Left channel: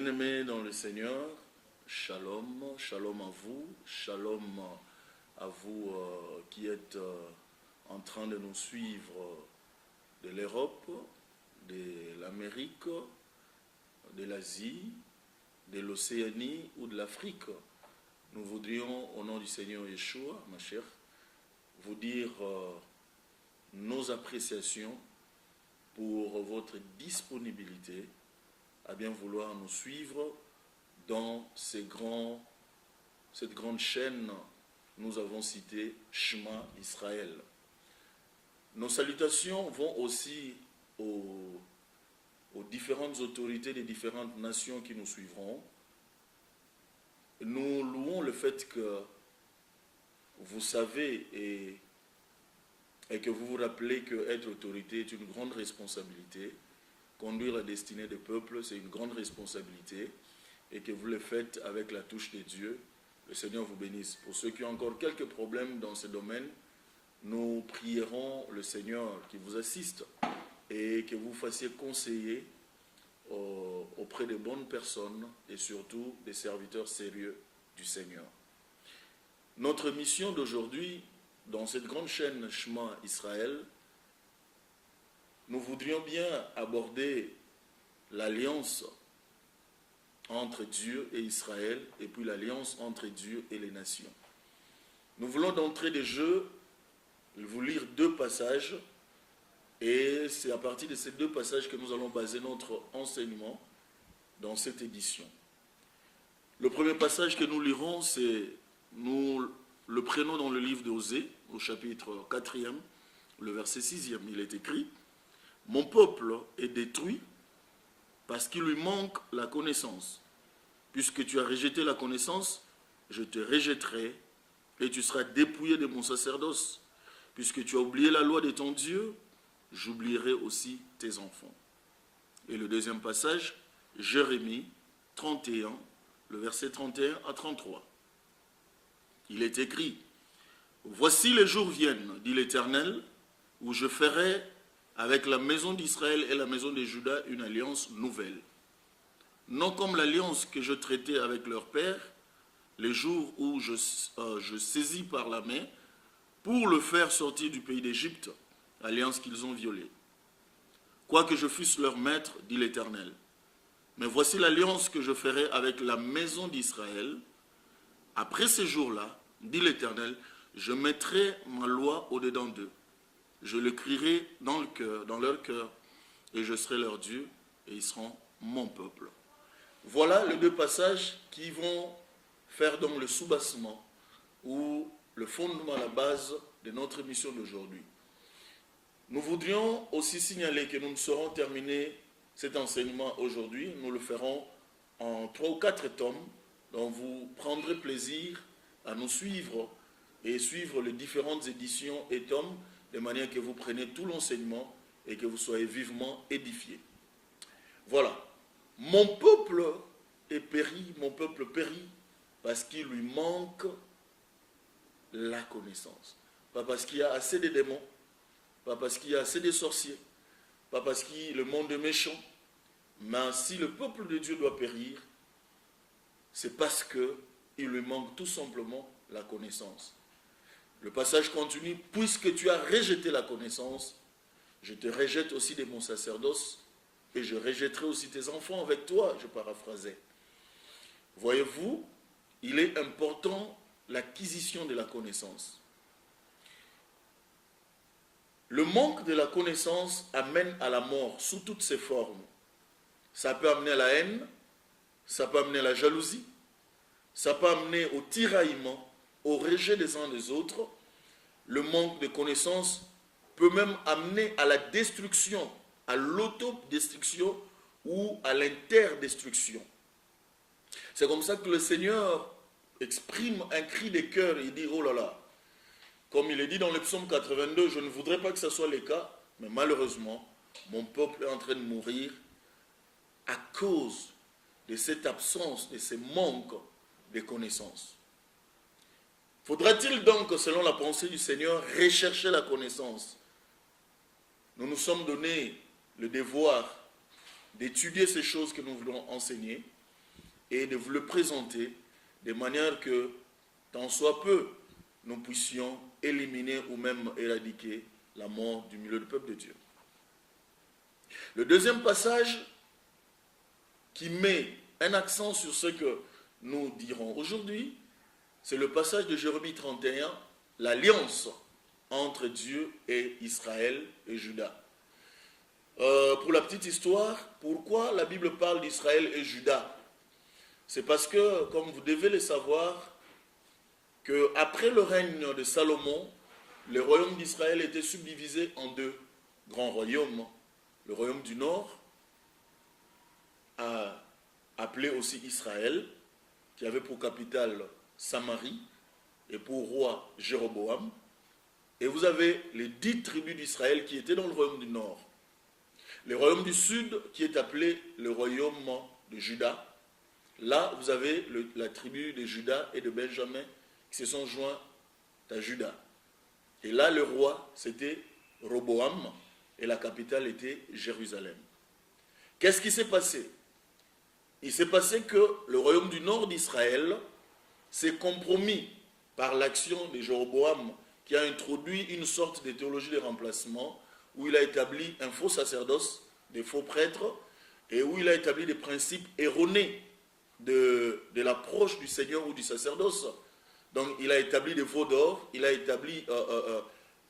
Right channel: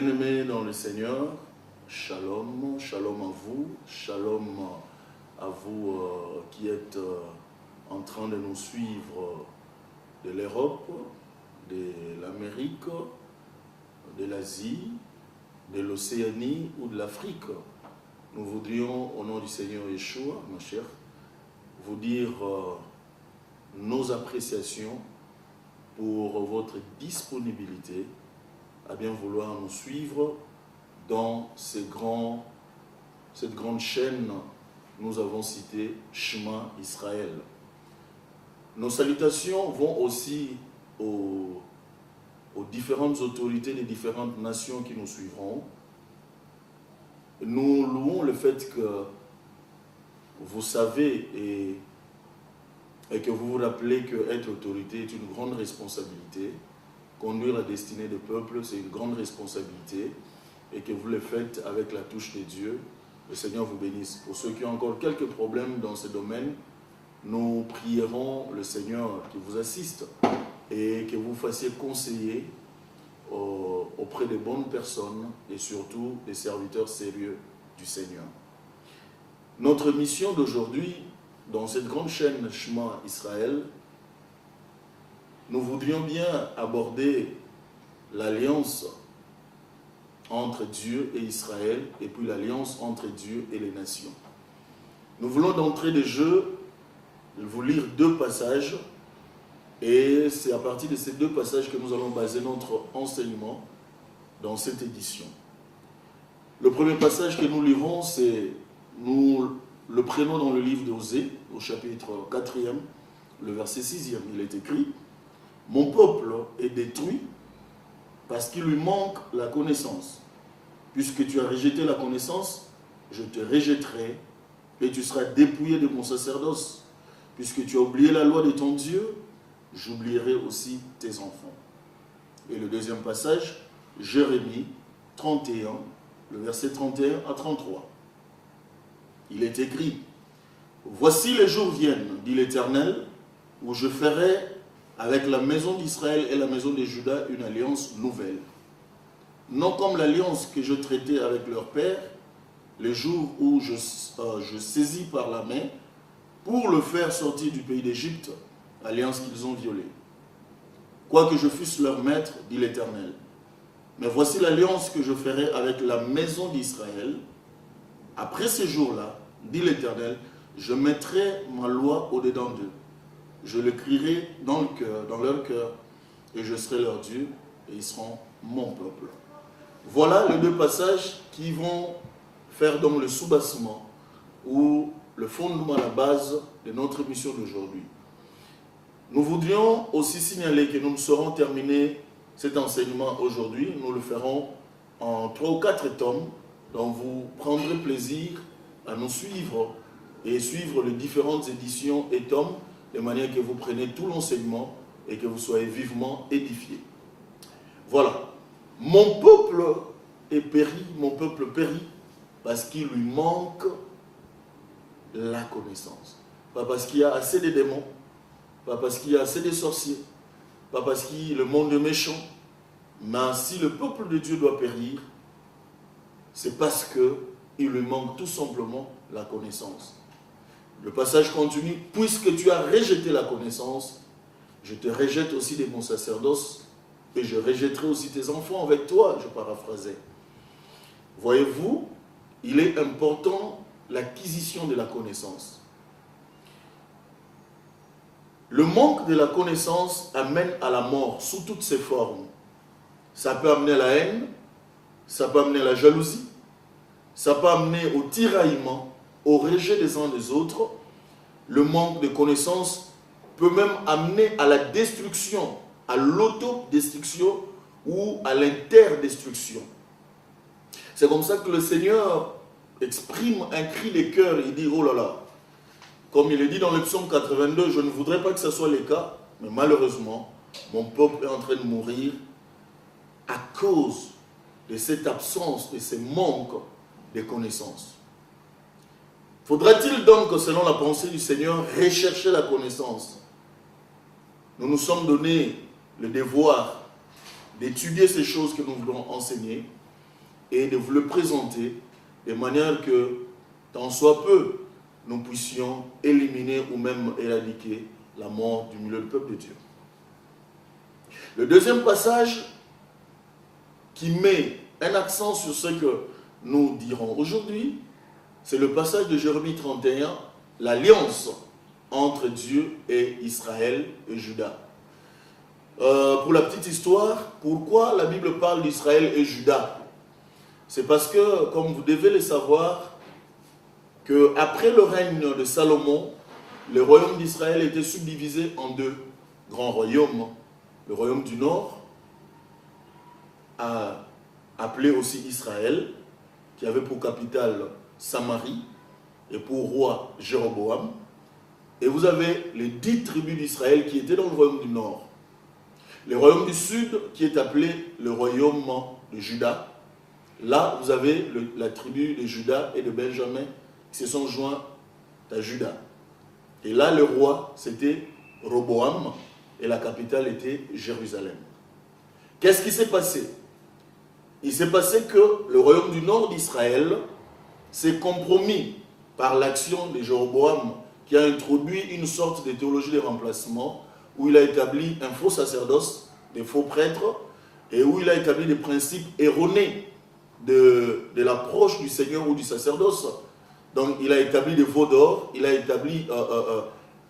Bien-aimés dans le Seigneur, shalom, shalom à vous qui êtes en train de nous suivre de l'Europe, de l'Amérique, de l'Asie, de l'Océanie ou de l'Afrique. Nous voudrions, au nom du Seigneur Yeshua, ma chère, vous dire nos appréciations pour votre disponibilité à bien vouloir nous suivre dans cette grande chaîne, nous avons cité Shema Israël. Nos salutations vont aussi aux différentes autorités des différentes nations qui nous suivront. Nous louons le fait que vous savez et que vous vous rappelez qu'être autorité est une grande responsabilité. Conduire la destinée des peuples, c'est une grande responsabilité et que vous le faites avec la touche de Dieu. Le Seigneur vous bénisse. Pour ceux qui ont encore quelques problèmes dans ce domaine, nous prierons le Seigneur qui vous assiste et que vous fassiez conseiller auprès de bonnes personnes et surtout des serviteurs sérieux du Seigneur. Notre mission d'aujourd'hui, dans cette grande chaîne Shema Israël, nous voudrions bien aborder l'alliance entre Dieu et Israël et puis l'alliance entre Dieu et les nations. Nous voulons d'entrée de jeu vous lire deux passages et c'est à partir de ces deux passages que nous allons baser notre enseignement dans cette édition. Le premier passage que nous lirons, c'est, nous le prenons dans le livre d'Osée, au chapitre 4e, le verset 6e, il est écrit: « Mon peuple est détruit parce qu'il lui manque la connaissance. Puisque tu as rejeté la connaissance, je te rejetterai et tu seras dépouillé de mon sacerdoce. Puisque tu as oublié la loi de ton Dieu, j'oublierai aussi tes enfants. » Et le deuxième passage, Jérémie 31, le verset 31 à 33. Il est écrit: « Voici les jours viennent, dit l'Éternel, où je ferai avec la maison d'Israël et la maison de Juda une alliance nouvelle. Non comme l'alliance que je traitais avec leur père, les jours où je saisis par la main pour le faire sortir du pays d'Égypte, alliance qu'ils ont violée. Quoique je fusse leur maître, dit l'Éternel. Mais voici l'alliance que je ferai avec la maison d'Israël. Après ces jours-là, dit l'Éternel, je mettrai ma loi au-dedans d'eux. Je l'écrirai dans leur cœur, et je serai leur Dieu, et ils seront mon peuple. » Voilà les deux passages qui vont faire donc le soubassement, ou le fondement à la base de notre mission d'aujourd'hui. Nous voudrions aussi signaler que nous ne saurons terminer cet enseignement aujourd'hui. Nous le ferons en 3 ou 4 tomes, dont vous prendrez plaisir à nous suivre et suivre les différentes éditions et tomes, de manière que vous preniez tout l'enseignement et que vous soyez vivement édifiés. Voilà. Mon peuple est péri, mon peuple périt, parce qu'il lui manque la connaissance. Pas parce qu'il y a assez de démons, pas parce qu'il y a assez de sorciers, pas parce que le monde est méchant, mais si le peuple de Dieu doit périr, c'est parce qu'il lui manque tout simplement la connaissance. Le passage continue: « Puisque tu as rejeté la connaissance, je te rejette aussi de mon sacerdoce, et je rejetterai aussi tes enfants avec toi. » Je paraphrasais. Voyez-vous, il est important l'acquisition de la connaissance. Le manque de la connaissance amène à la mort sous toutes ses formes. Ça peut amener à la haine, ça peut amener à la jalousie, ça peut amener au tiraillement, au rejet des uns des autres. Le manque de connaissance peut même amener à la destruction, à l'autodestruction ou à l'interdestruction. C'est comme ça que le Seigneur exprime un cri de cœur et dit: « Oh là là !» Comme il est dit dans le psaume 82, « Je ne voudrais pas que ce soit le cas, mais malheureusement, mon peuple est en train de mourir à cause de cette absence, de ce manque de connaissances. » Faudra-t-il donc, selon la pensée du Seigneur, rechercher la connaissance? Nous nous sommes donné le devoir d'étudier ces choses que nous voulons enseigner, et de vous le présenter de manière que, tant soit peu, nous puissions éliminer ou même éradiquer la mort du milieu du peuple de Dieu. Le deuxième passage qui met un accent sur ce que nous dirons aujourd'hui, c'est le passage de Jérémie 31, l'alliance entre Dieu et Israël et Juda. Pour la petite histoire, pourquoi la Bible parle d'Israël et Juda? C'est parce que, comme vous devez le savoir, qu'après le règne de Salomon, le royaume d'Israël était subdivisé en deux grands royaumes. Le royaume du nord, appelé aussi Israël, qui avait pour capitale Samarie et pour roi Jéroboam. Et vous avez les 10 tribus d'Israël qui étaient dans le royaume du nord. Le royaume du sud qui est appelé le royaume de Juda. Là, vous avez la tribu de Juda et de Benjamin qui se sont joints à Juda. Et là, le roi, c'était Roboam et la capitale était Jérusalem. Qu'est-ce qui s'est passé? Il s'est passé que le royaume du nord d'Israël s'est compromis par l'action de Jéroboam qui a introduit une sorte de théologie de remplacement où il a établi un faux sacerdoce, des faux prêtres, et où il a établi des principes erronés de l'approche du Seigneur ou du sacerdoce. Donc il a établi des veaux d'or, il a établi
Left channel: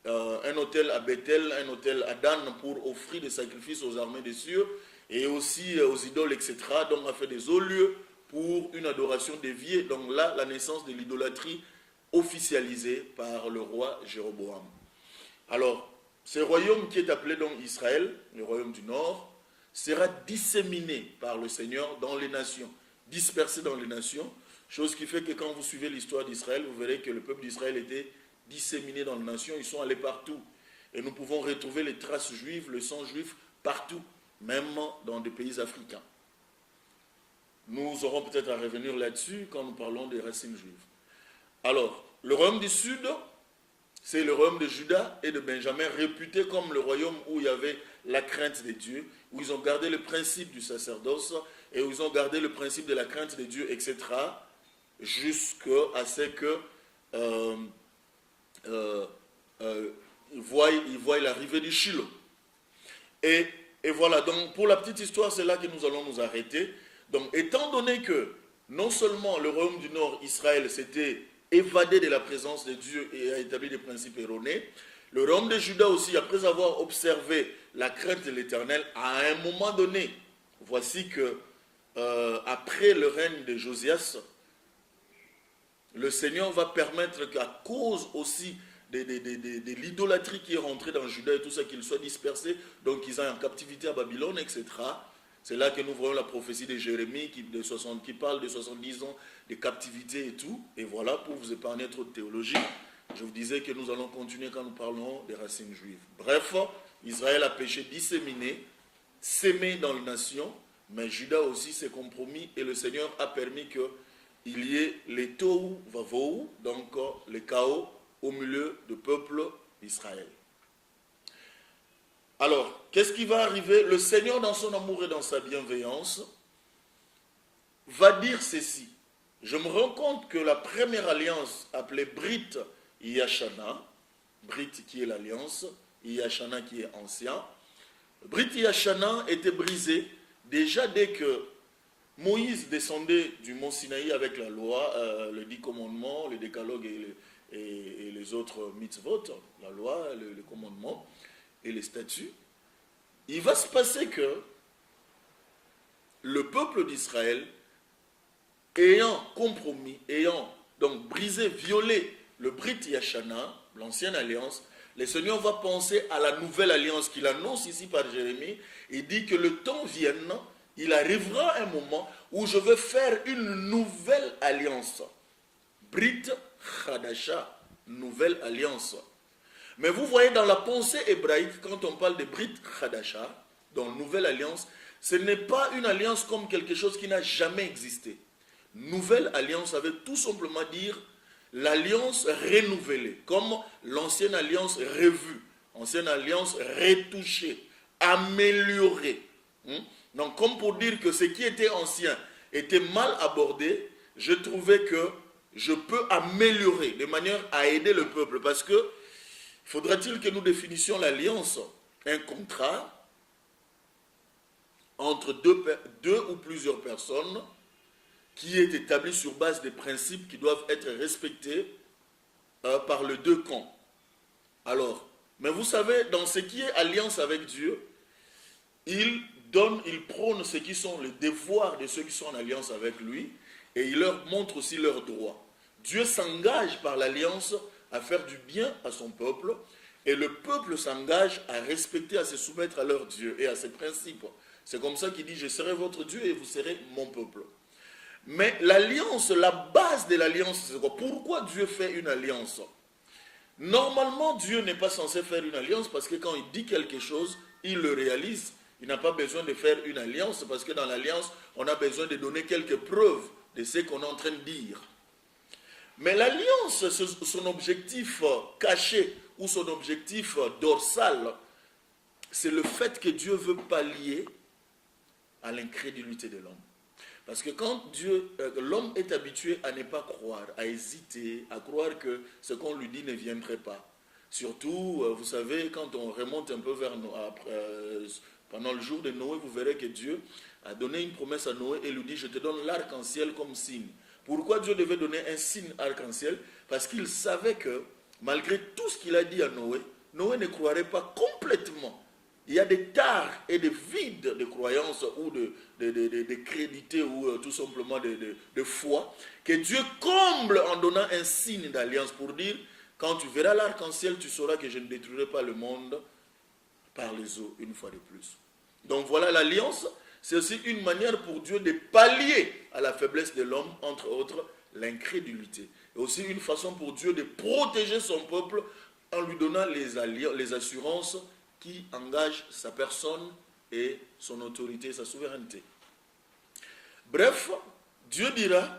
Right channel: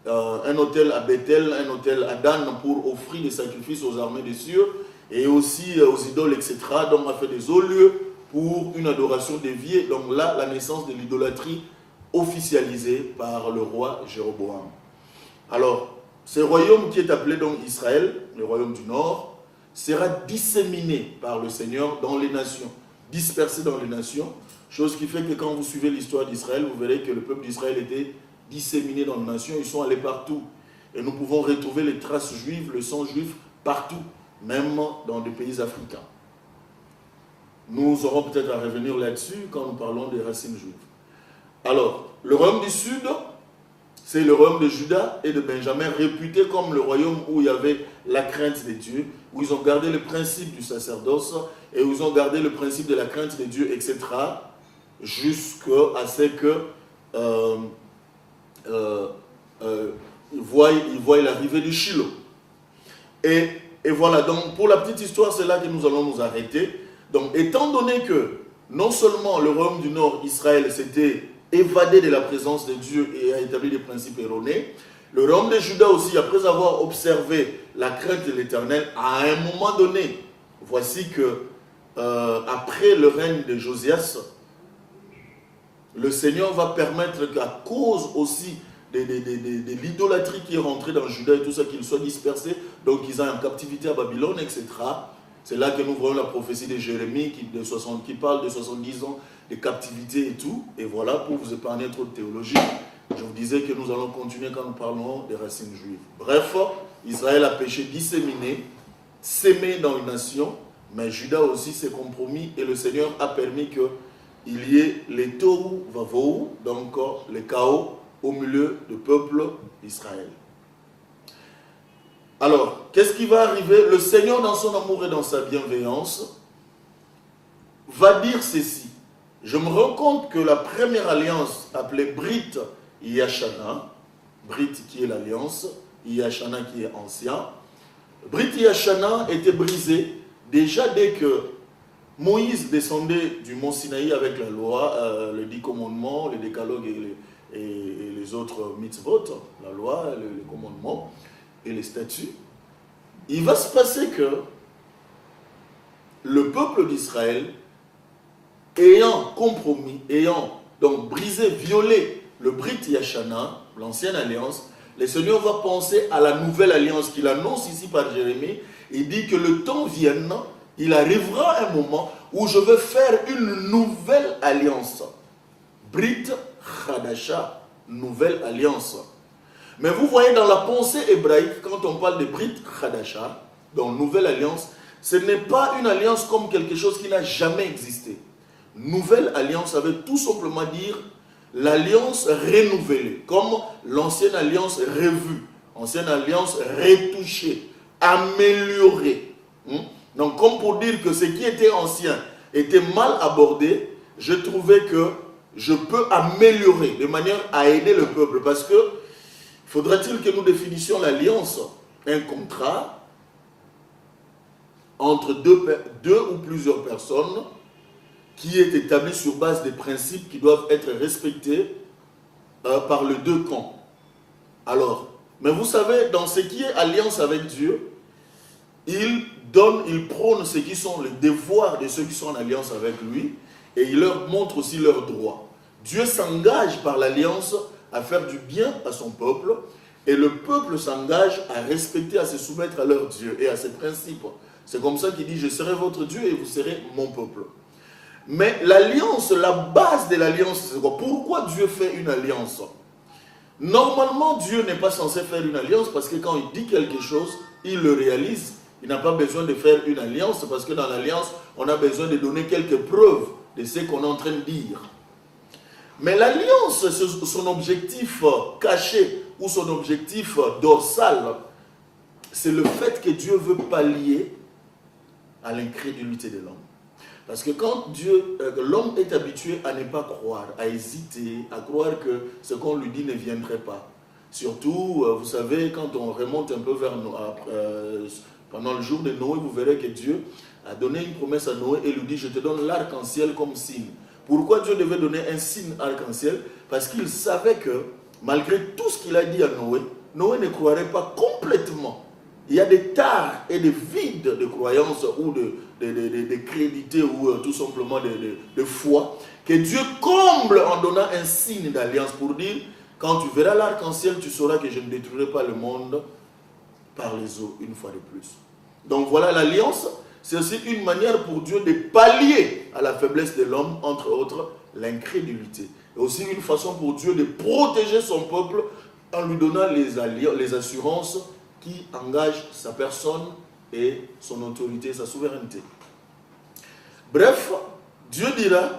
un autel à Bethel, un autel à Dan pour offrir des sacrifices aux armées des cieux, et aussi aux idoles, etc. Donc a fait des hauts lieux pour une adoration déviée. Donc là, la naissance de l'idolâtrie officialisée par le roi Jéroboam. Alors, ce royaume qui est appelé donc Israël, le royaume du Nord, sera disséminé par le Seigneur dans les nations, dispersé dans les nations, chose qui fait que quand vous suivez l'histoire d'Israël, vous verrez que le peuple d'Israël était disséminé dans les nations, ils sont allés partout. Et nous pouvons retrouver les traces juives, le sang juif partout, même dans des pays africains. Nous aurons peut-être à revenir là-dessus quand nous parlons des racines juives. Alors, le royaume du Sud, c'est le royaume de Juda et de Benjamin, réputé comme le royaume où il y avait la crainte de Dieu, où ils ont gardé le principe du sacerdoce et où ils ont gardé le principe de la crainte de Dieu, etc., jusqu'à ce que ils voient l'arrivée du Shiloh. Et voilà, donc pour la petite histoire, c'est là que nous allons nous arrêter. Donc, étant donné que non seulement le royaume du Nord, Israël, s'était évadé de la présence de Dieu et a établi des principes erronés, le royaume de Juda aussi, après avoir observé la crainte de l'Éternel, à un moment donné, voici que après le règne de Josias, le Seigneur va permettre qu'à cause aussi de l'idolâtrie qui est rentrée dans Juda et tout ça, qu'ils soient dispersés, donc ils aient en captivité à Babylone, etc. C'est là que nous voyons la prophétie de Jérémie qui parle de 70 ans de captivité et tout. Et voilà, pour vous épargner trop de théologie, je vous disais que nous allons continuer quand nous parlons des racines juives. Bref, Israël a péché disséminé, sémé dans une nation, mais Juda aussi s'est compromis et le Seigneur a permis qu'il y ait les tohu vavohu, donc le chaos au milieu du peuple d'Israël. Alors, qu'est-ce qui va arriver? Le Seigneur, dans son amour et dans sa bienveillance, va dire ceci. Je me rends compte que la première alliance, appelée Brit Yashana, Brit qui est l'alliance, Yashana qui est ancien, Brit Yashana était brisée déjà dès que Moïse descendait du mont Sinaï avec la loi, les 10 commandements, les décalogues et les autres mitzvot, la loi, les commandements et les statuts. Il va se passer que le peuple d'Israël, ayant compromis, ayant donc brisé, violé le Brit Yashana, l'ancienne alliance, le Seigneur va penser à la nouvelle alliance qu'il annonce ici par Jérémie. Il dit que le temps vienne, il arrivera un moment où je veux faire une nouvelle alliance. Brit Chadasha, nouvelle alliance. Mais vous voyez dans la pensée hébraïque, quand on parle de Brit Chadasha, dans nouvelle alliance, ce n'est pas une alliance comme quelque chose qui n'a jamais existé. Nouvelle alliance, ça veut tout simplement dire l'alliance renouvelée, comme l'ancienne alliance revue, ancienne alliance retouchée, améliorée. Donc comme pour dire que ce qui était ancien était mal abordée, je trouvais que je peux améliorer de manière à aider le peuple. Parce que faudrait-il que nous définissions l'alliance, un contrat entre deux ou plusieurs personnes qui est établi sur base des principes qui doivent être respectés par les deux camps. Alors, mais vous savez, dans ce qui est alliance avec Dieu, il prône ce qui sont les devoirs de ceux qui sont en alliance avec lui, et il leur montre aussi leurs droits. Dieu s'engage par l'alliance à faire du bien à son peuple, et le peuple s'engage à respecter, à se soumettre à leur Dieu et à ses principes. C'est comme ça qu'il dit, je serai votre Dieu et vous serez mon peuple. Mais l'alliance, la base de l'alliance, c'est quoi? Pourquoi Dieu fait une alliance? Normalement, Dieu n'est pas censé faire une alliance parce que quand il dit quelque chose, il le réalise. Il n'a pas besoin de faire une alliance parce que dans l'alliance, on a besoin de donner quelques preuves de ce qu'on est en train de dire. Mais l'alliance, son objectif caché ou son objectif dorsal, c'est le fait que Dieu veut pallier à l'incrédulité de l'homme. Parce que quand l'homme est habitué à ne pas croire, à hésiter, à croire que ce qu'on lui dit ne viendrait pas. Surtout, vous savez, quand on remonte un peu vers pendant le jour de Noé, vous verrez que Dieu a donné une promesse à Noé et lui dit, je te donne l'arc-en-ciel comme signe. Pourquoi Dieu devait donner un signe arc-en-ciel? Parce qu'il savait que, malgré tout ce qu'il a dit à Noé, Noé ne croirait pas complètement. Il y a des tares et des vides de croyance ou de crédité ou tout simplement de foi que Dieu comble en donnant un signe d'alliance pour dire, quand tu verras l'arc-en-ciel, tu sauras que je ne détruirai pas le monde par les eaux une fois de plus. Donc voilà, l'alliance, c'est aussi une manière pour Dieu de pallier à la faiblesse de l'homme, entre autres, l'incrédulité. Et aussi une façon pour Dieu de protéger son peuple en lui donnant les assurances qui engagent sa personne et son autorité, sa souveraineté. Bref, Dieu dira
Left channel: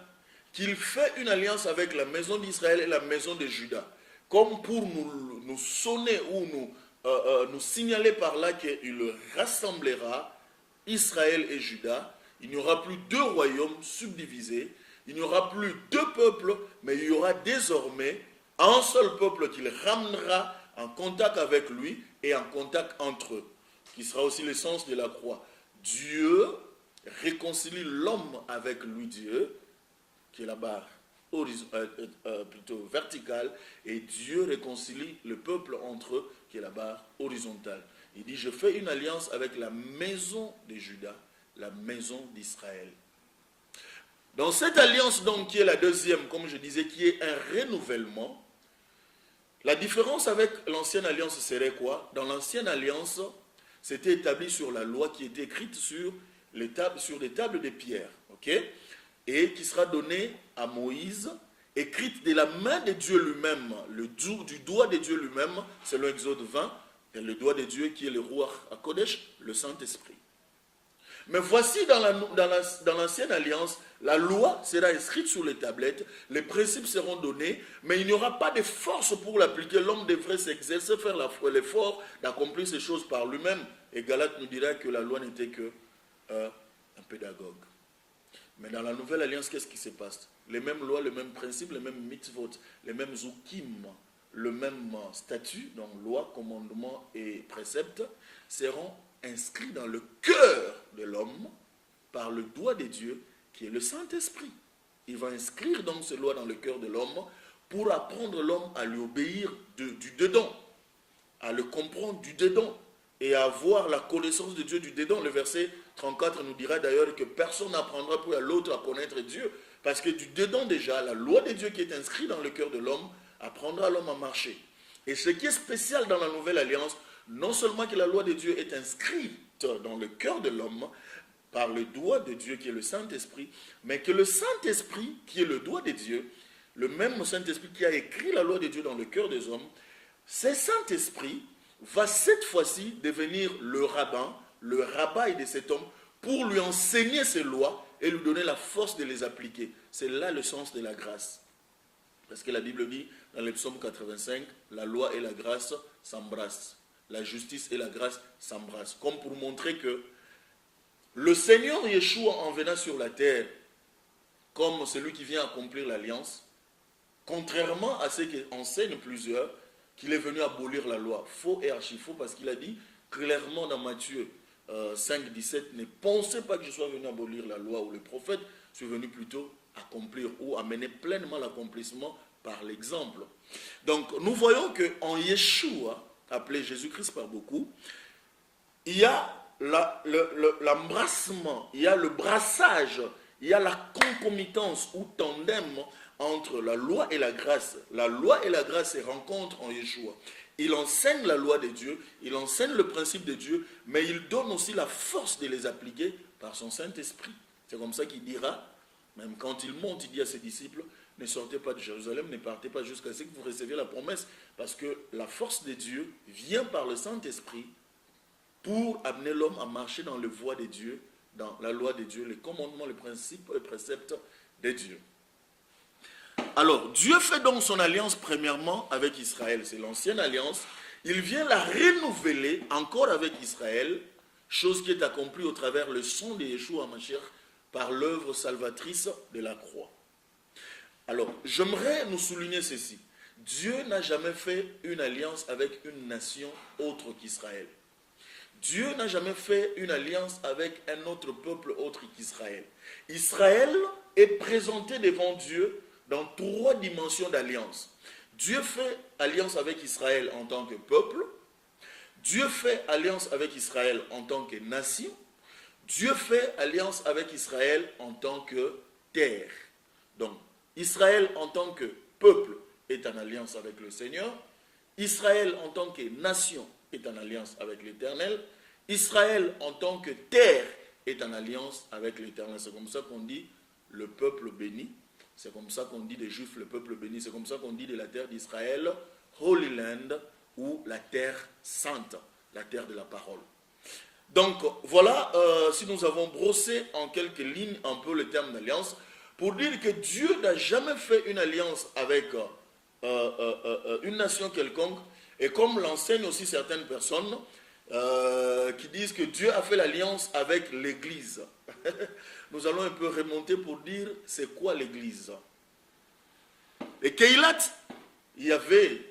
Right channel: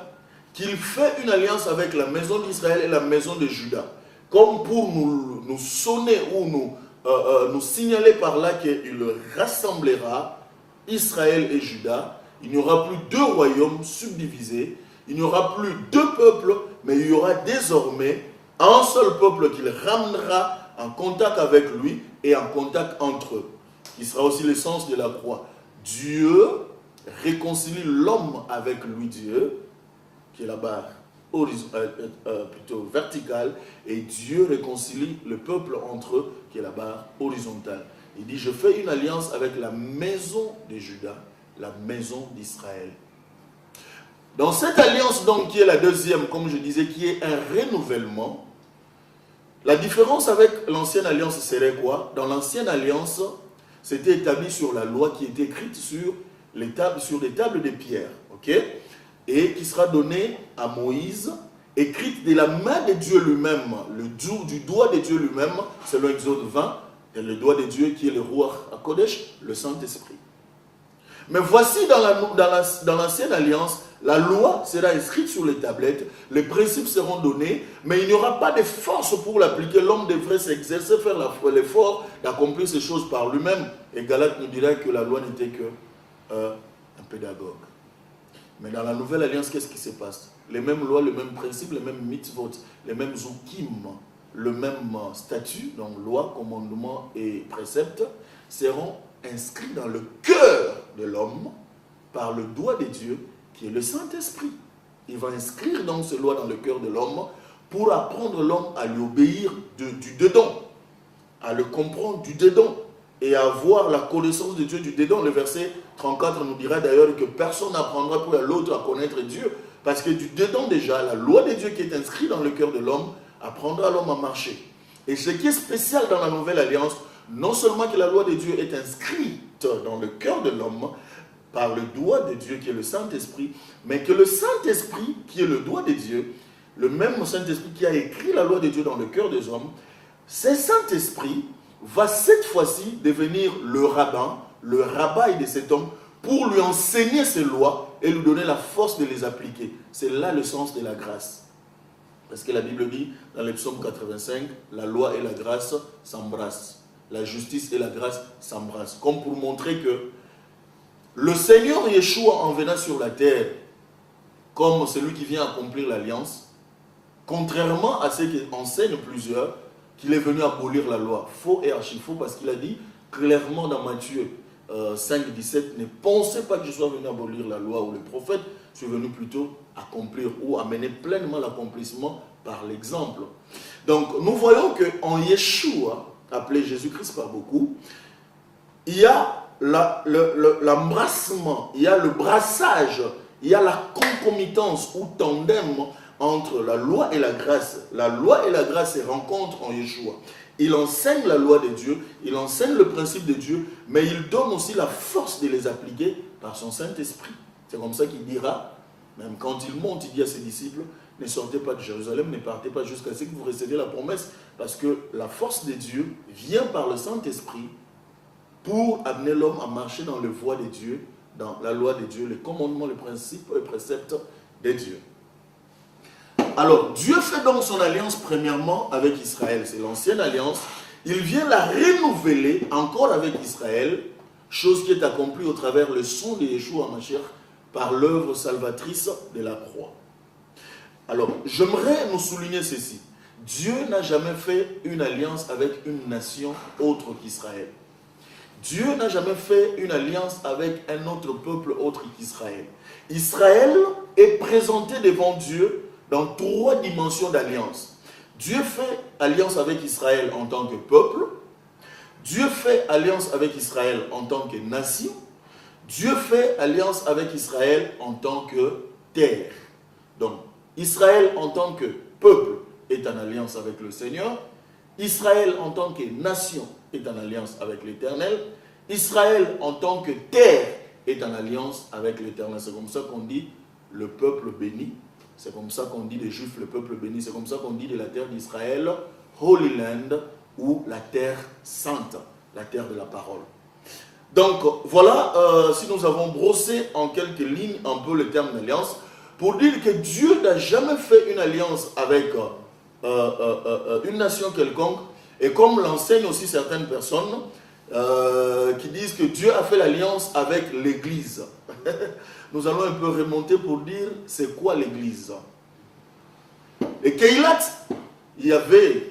qu'il fait une alliance avec la maison d'Israël et la maison de Juda, comme pour nous sonner ou nous signaler par là qu'il rassemblera Israël et Juda. Il n'y aura plus deux royaumes subdivisés, il n'y aura plus deux peuples, mais il y aura désormais un seul peuple qu'il ramènera en contact avec lui et en contact entre eux, qui sera aussi l'essence de la croix. Dieu réconcilie l'homme avec lui, Dieu, qui est la barre plutôt verticale, et Dieu réconcilie le peuple entre eux, qui est la barre horizontale. Il dit, je fais une alliance avec la maison de Juda, la maison d'Israël. Dans cette alliance, donc, qui est la deuxième, comme je disais, qui est un renouvellement, la différence avec l'ancienne alliance serait quoi? Dans l'ancienne alliance, c'était établi sur la loi qui était écrite sur des tables de pierre, ok? Et qui sera donnée à Moïse, écrite de la main de Dieu lui-même, du doigt de Dieu lui-même, selon Exode 20, et le doigt de Dieu qui est le Ruach HaKodesh, le Saint-Esprit. Mais voici dans l'ancienne alliance, la loi sera inscrite sur les tablettes, les principes seront donnés, mais il n'y aura pas de force pour l'appliquer. L'homme devrait s'exercer, faire l'effort d'accomplir ces choses par lui-même. Et Galate nous dira que la loi n'était qu'un pédagogue. Mais dans la nouvelle alliance, qu'est-ce qui se passe? Les mêmes lois, les mêmes principes, les mêmes mitzvot, les mêmes zukim, le même statut, donc loi, commandement et préceptes, seront inscrits dans le cœur de l'homme par le doigt de Dieu, qui est le Saint-Esprit. Il va inscrire donc ces lois dans le cœur de l'homme pour apprendre l'homme à lui obéir du dedans, à le comprendre du dedans et à avoir la connaissance de Dieu du dedans. Le verset 34 nous dira d'ailleurs que personne n'apprendra pour l'autre à connaître Dieu, parce que du dedans déjà, la loi de Dieu qui est inscrite dans le cœur de l'homme apprendra l'homme à marcher. Et ce qui est spécial dans la nouvelle alliance, non seulement que la loi de Dieu est inscrite dans le cœur de l'homme, par le doigt de Dieu qui est le Saint-Esprit, mais que le Saint-Esprit qui est le doigt de Dieu, le même Saint-Esprit qui a écrit la loi de Dieu dans le cœur des hommes, ce Saint-Esprit va cette fois-ci devenir le rabbin, le rabbi de cet homme, pour lui enseigner ces lois et lui donner la force de les appliquer. C'est là le sens de la grâce. Parce que la Bible dit, dans le psaume 85, la loi et la grâce s'embrassent. La justice et la grâce s'embrassent. Comme pour montrer que le Seigneur Yeshua, en venant sur la terre, comme celui qui vient accomplir l'alliance, contrairement à ce qu'enseignent plusieurs, qu'il est venu abolir la loi. Faux et archi-faux, parce qu'il a dit clairement dans Matthieu 5, 17, ne pensez pas que je sois venu abolir la loi ou les prophètes, je suis venu plutôt accomplir ou amener pleinement l'accomplissement par l'exemple. Donc nous voyons qu'en Yeshua, appelé Jésus-Christ par beaucoup, il y a l'embrassement, il y a le brassage, il y a la concomitance ou tandem entre la loi et la grâce. La loi et la grâce se rencontrent en Yeshua. Il enseigne la loi de Dieu, il enseigne le principe de Dieu, mais il donne aussi la force de les appliquer par son Saint-Esprit. C'est comme ça qu'il dira, même quand il monte, il dit à ses disciples, ne sortez pas de Jérusalem, ne partez pas jusqu'à ce que vous receviez la promesse, parce que la force de Dieu vient par le Saint-Esprit pour amener l'homme à marcher dans les voies de Dieu, dans la loi de Dieu, les commandements, les principes, les préceptes de Dieu. Alors, Dieu fait donc son alliance premièrement avec Israël, c'est l'ancienne alliance. Il vient la renouveler encore avec Israël, chose qui est accomplie au travers le sang de Yeshua HaMashiach par l'œuvre salvatrice de la croix. Alors, j'aimerais nous souligner ceci. Dieu n'a jamais fait une alliance avec une nation autre qu'Israël. Dieu n'a jamais fait une alliance avec un autre peuple autre qu'Israël. Israël est présenté devant Dieu dans 3 dimensions d'alliance. Dieu fait alliance avec Israël en tant que peuple. Dieu fait alliance avec Israël en tant que nation. Dieu fait alliance avec Israël en tant que terre. Donc, Israël en tant que peuple est en alliance avec le Seigneur. Israël en tant que nation est en alliance avec l'Éternel. Israël en tant que terre est en alliance avec l'Éternel. C'est comme ça qu'on dit le peuple béni. C'est comme ça qu'on dit des Juifs le peuple béni. C'est comme ça qu'on dit de la terre d'Israël, Holy Land, ou la terre sainte, la terre de la parole. Donc voilà, si nous avons brossé en quelques lignes un peu le terme d'alliance, pour dire que Dieu n'a jamais fait une alliance avec une nation quelconque, et comme l'enseignent aussi certaines personnes qui disent que Dieu a fait l'alliance avec l'Église. Nous allons un peu remonter pour dire c'est quoi l'Église. Et Keilat, il y avait,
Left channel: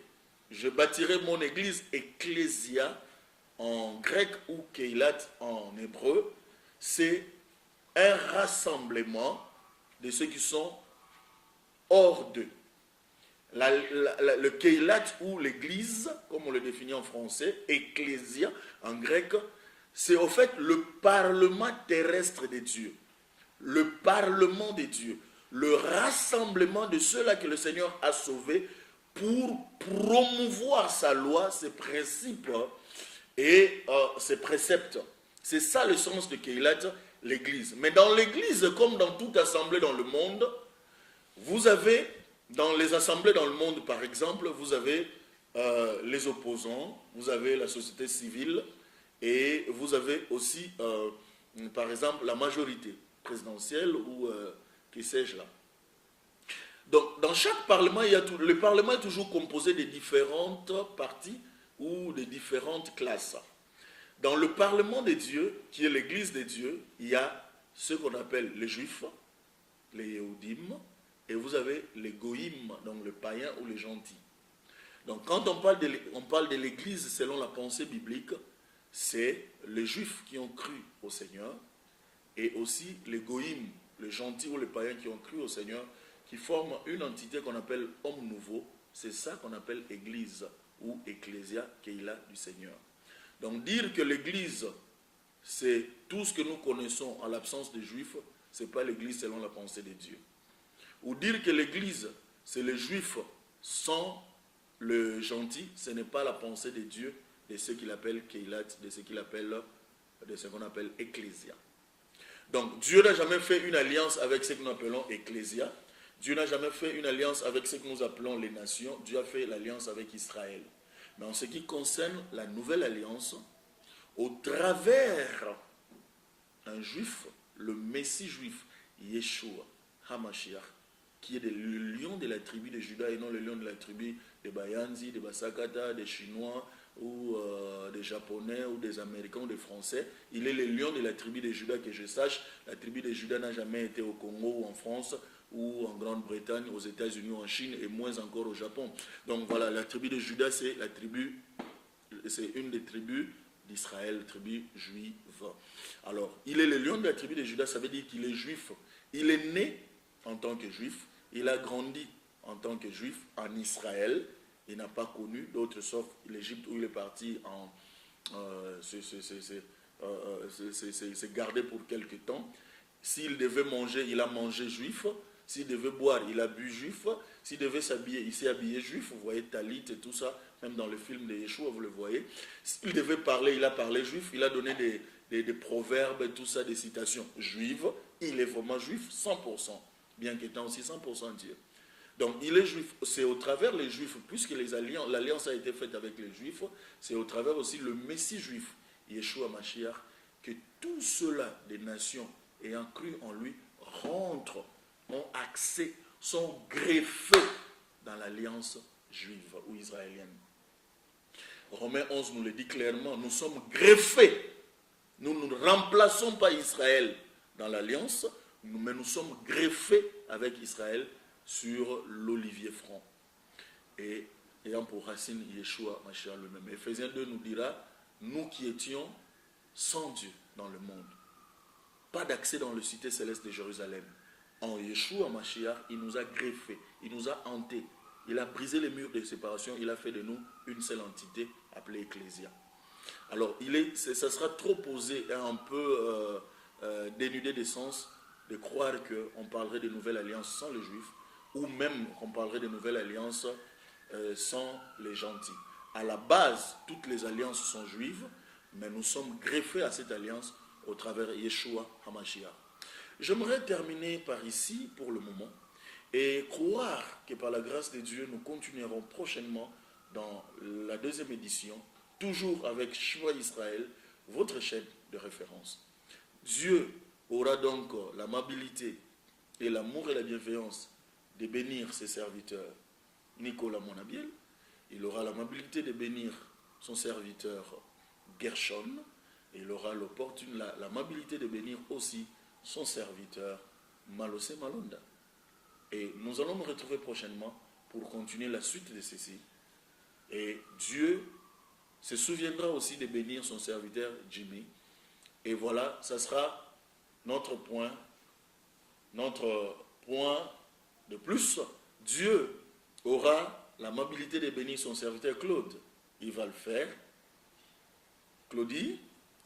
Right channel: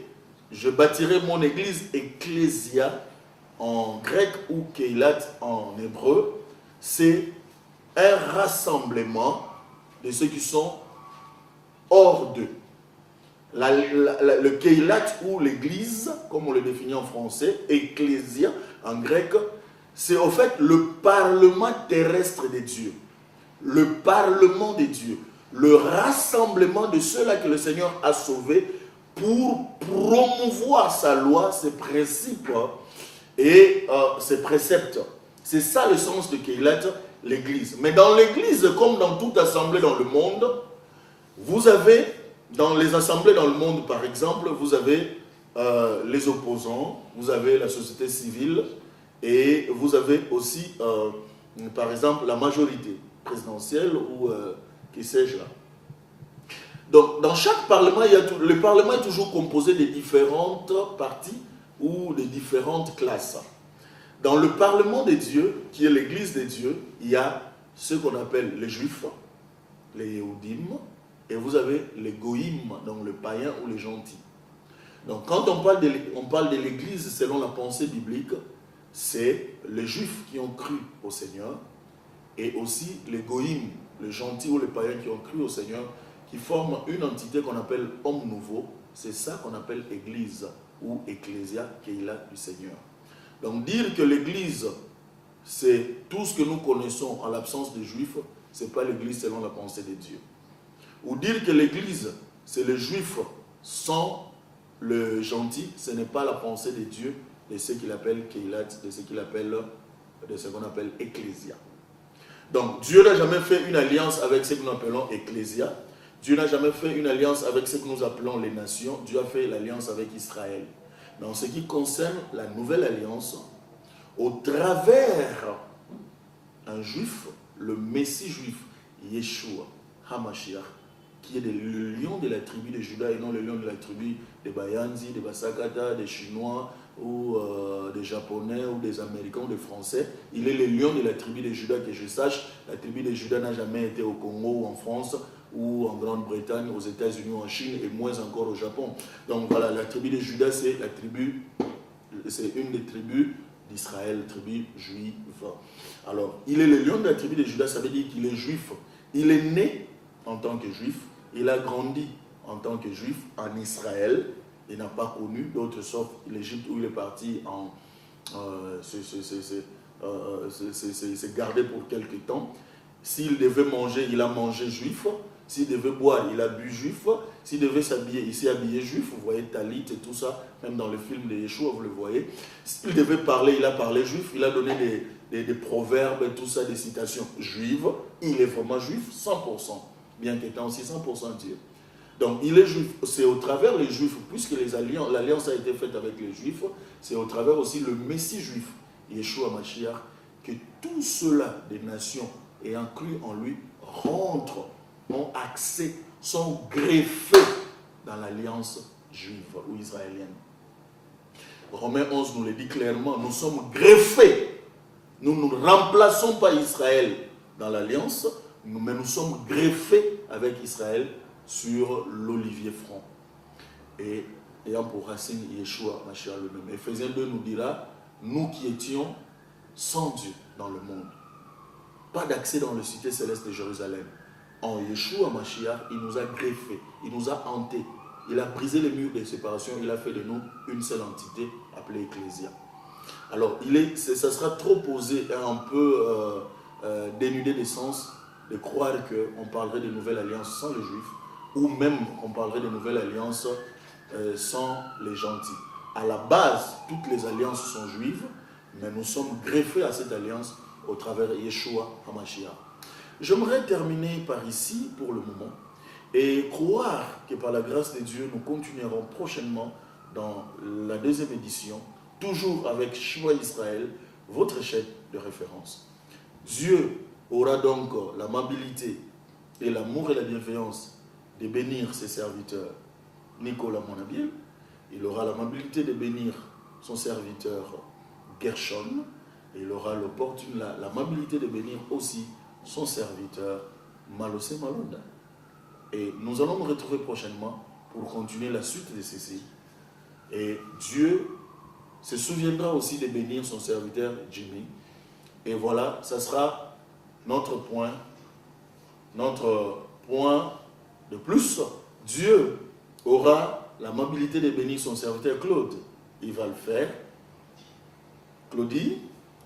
je bâtirai mon Église, Ecclésia en grec ou Keilat en hébreu, c'est un rassemblement de ceux qui sont hors d'eux. Le Keilat ou l'Église, comme on le définit en français, Ecclésia en grec, c'est au fait le parlement terrestre de Dieu. Le parlement de Dieu. Le rassemblement de ceux-là que le Seigneur a sauvés pour promouvoir sa loi, ses principes et ses préceptes. C'est ça le sens de Keilat, l'Église. Mais dans l'Église, comme dans toute assemblée dans le monde, vous avez, dans les assemblées dans le monde par exemple, vous avez les opposants, vous avez la société civile et vous avez aussi, par exemple, la majorité présidentielle ou qui sais-je là. Donc, dans chaque parlement, le parlement est toujours composé de différentes parties ou de différentes classes. Dans le parlement de Dieu, qui est l'église de Dieu, il y a ce qu'on appelle les juifs, les Yehudim, et vous avez les goïm, donc les païens ou les gentils. Donc, quand on parle de l'église selon la pensée biblique, c'est les juifs qui ont cru au Seigneur, et aussi les goïm, les gentils ou les païens qui ont cru au Seigneur, qui forment une entité qu'on appelle homme nouveau. C'est ça qu'on appelle église ou ecclésia, Keila du Seigneur. Donc dire que l'église, c'est tout ce que nous connaissons en l'absence des juifs, ce n'est pas l'église selon la pensée de Dieu. Ou dire que l'église, c'est les juifs sans le gentil, ce n'est pas la pensée de Dieu de ce qu'il appelle Keila, de ce qu'on appelle ecclésia. Donc, Dieu n'a jamais fait une alliance avec ce que nous appelons Ecclésia. Dieu n'a jamais fait une alliance avec ce que nous appelons les nations. Dieu a fait l'alliance avec Israël. Mais en ce qui concerne la nouvelle alliance, au travers un juif, le Messie juif, Yeshua HaMashiach, qui est le lion de la tribu de Juda et non le lion de la tribu des Bayanzi, des Basakata, des Chinois ou des Japonais, ou des Américains, ou des Français. Il est le lion de la tribu de Juda, que je sache. La tribu de Juda n'a jamais été au Congo, ou en France, ou en Grande-Bretagne, aux États-Unis, ou en Chine, et moins encore au Japon. Donc voilà, la tribu de Juda, c'est une des tribus d'Israël, tribu juive. Alors, il est le lion de la tribu de Juda, ça veut dire qu'il est juif. Il est né en tant que juif, il a grandi en tant que juif en Israël. Il n'a pas connu d'autres sauf l'Égypte où il est parti c'est gardé pour quelque temps. S'il devait manger, il a mangé juif. S'il devait boire, il a bu juif. S'il devait s'habiller, il s'est habillé juif. Vous voyez Talit et tout ça, même dans le film de Yeshua, vous le voyez. S'il devait parler, il a parlé juif. Il a donné des proverbes et tout ça, des citations juives. Il est vraiment juif, 100%, bien qu'étant aussi 100% Dieu. Donc il est juif, c'est au travers les juifs, puisque l'alliance a été faite avec les juifs, c'est au travers aussi le Messie juif, Yeshua Mashiach, que tous ceux-là des nations ayant cru en lui rentrent, ont accès, sont greffés dans l'alliance juive ou israélienne. Romains 11 nous le dit clairement, nous sommes greffés. Nous ne remplaçons pas Israël dans l'alliance, mais nous sommes greffés avec Israël sur l'olivier franc. Et ayant pour racine Yeshua, Mashiach le même. Éphésiens 2 nous dira, nous qui étions sans Dieu dans le monde, pas d'accès dans le cité céleste de Jérusalem. En Yeshua Mashiach, il nous a greffés, il nous a hantés, il a brisé les murs de séparation, il a fait de nous une seule entité appelée Ecclésia. Alors, ça sera trop posé, un peu dénudé de sens, de croire qu'on parlerait de nouvelle alliance sans les Juifs, ou même qu'on parlerait de nouvelle alliance sans les gentils. À la base, toutes les alliances sont juives, mais nous sommes greffés à cette alliance au travers de Yeshua HaMashiach. J'aimerais terminer par ici pour le moment et croire que par la grâce de Dieu, nous continuerons prochainement dans la deuxième édition, toujours avec Shema Israël, votre chaîne de référence. Dieu aura donc l'amabilité et l'amour et la bienveillance de bénir ses serviteurs. Nicolas Monabiel, il aura l'amabilité de bénir son serviteur Gershon, et il aura l'amabilité de bénir aussi son serviteur Malosé Malonda. Et nous allons nous retrouver prochainement pour continuer la suite de ceci. Et Dieu se souviendra aussi de bénir son serviteur Jimmy. Et voilà, ça sera notre point de plus. Dieu aura l'amabilité de bénir son serviteur Claude. Il va le faire. Claudie,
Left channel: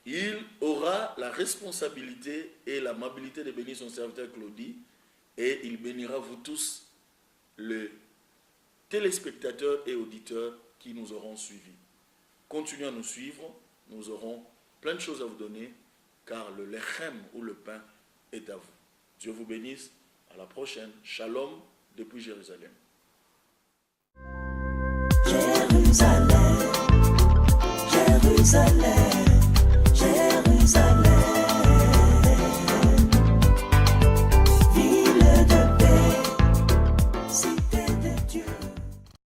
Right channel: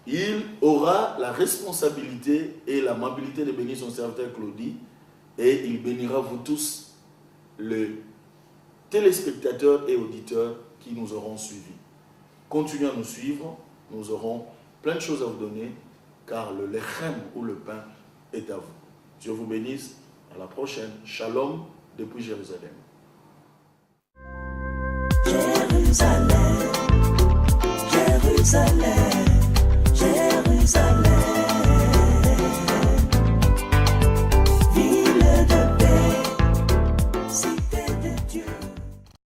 il aura la responsabilité et l'amabilité de bénir son serviteur Claudie. Et il bénira vous tous, les téléspectateurs et auditeurs qui nous auront suivis. Continuez à nous suivre, nous aurons plein de choses à vous donner, car le lechem ou le pain est à vous. Dieu vous bénisse, à la prochaine. Shalom depuis Jérusalem. Jérusalem.